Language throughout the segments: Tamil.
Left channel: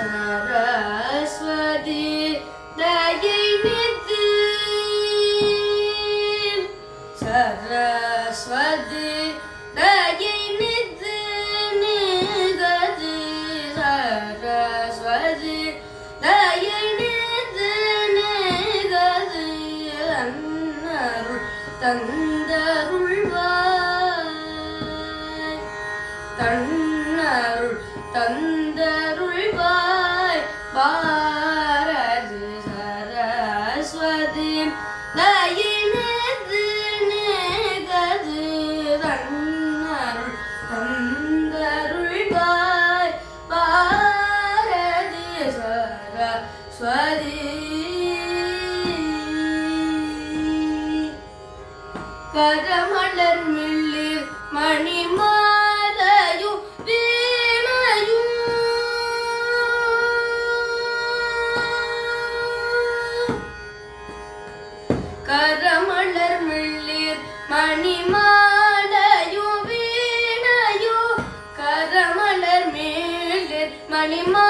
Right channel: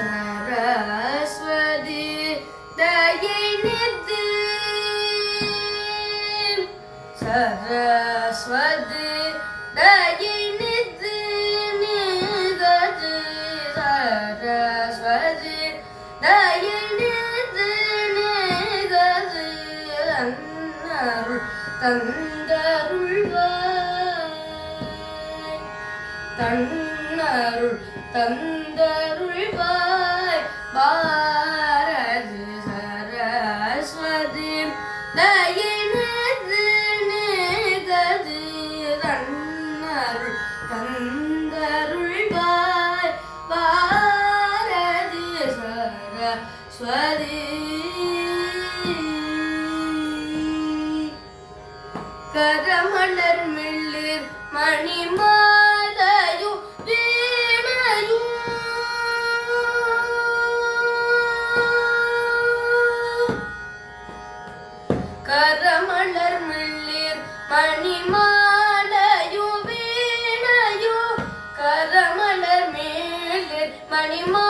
சரஸ்வதி தயை நித்து சரஸ்வதி தயை நித்து நிகது சரஸ்வதி தயை நித்து நிகது அன்னருள் தந்தருள்வாய் அருள் தந்தருள்வாய். பாரதி சரஸ்வதி தயினது நிகது தன்னருள் தந்தருள்வாய். பாரதி சரஸ்வதி கரமலர் மில்லு மணிமா മണിമാലയോ വീണയോ കരമലർ മണിമാ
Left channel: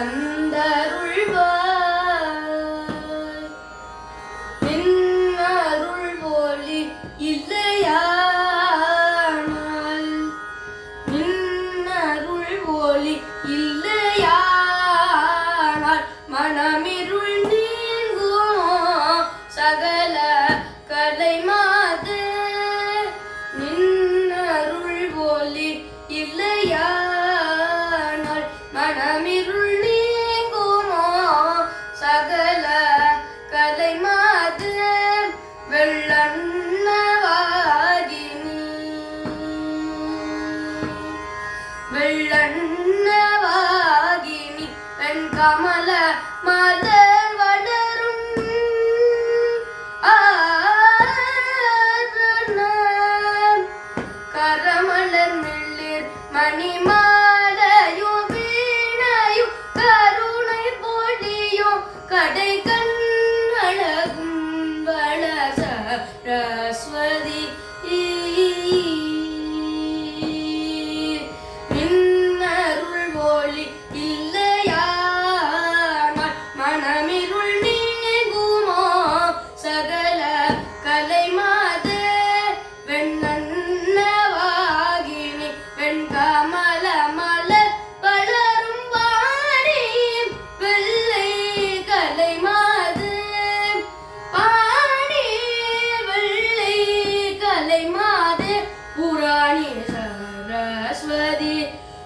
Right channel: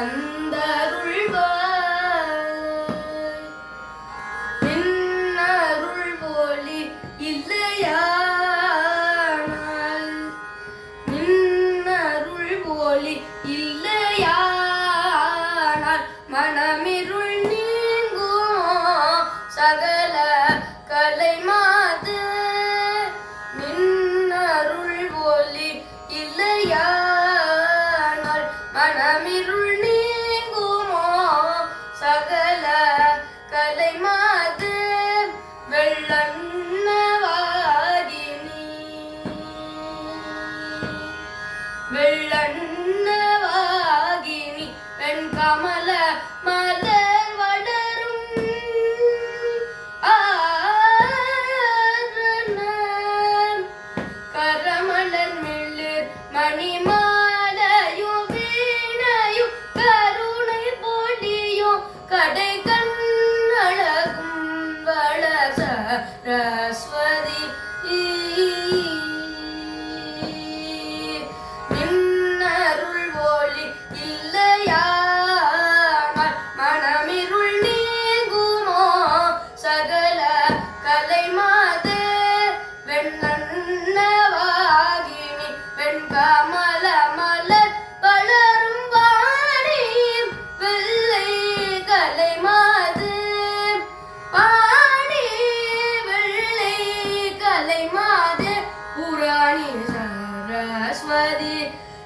தன்னருள் വെള്ളണ്ണവാകിനി വെൺകമല മലർ വളരും. കരമലർ മിള്ളിർ മണിമാലയോ വീണയോ കരുണ പൊഴിയോ കടൈ കണ്ണളകും വളസ രസ്വതി ഈ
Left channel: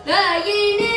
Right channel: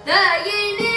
Daha yeni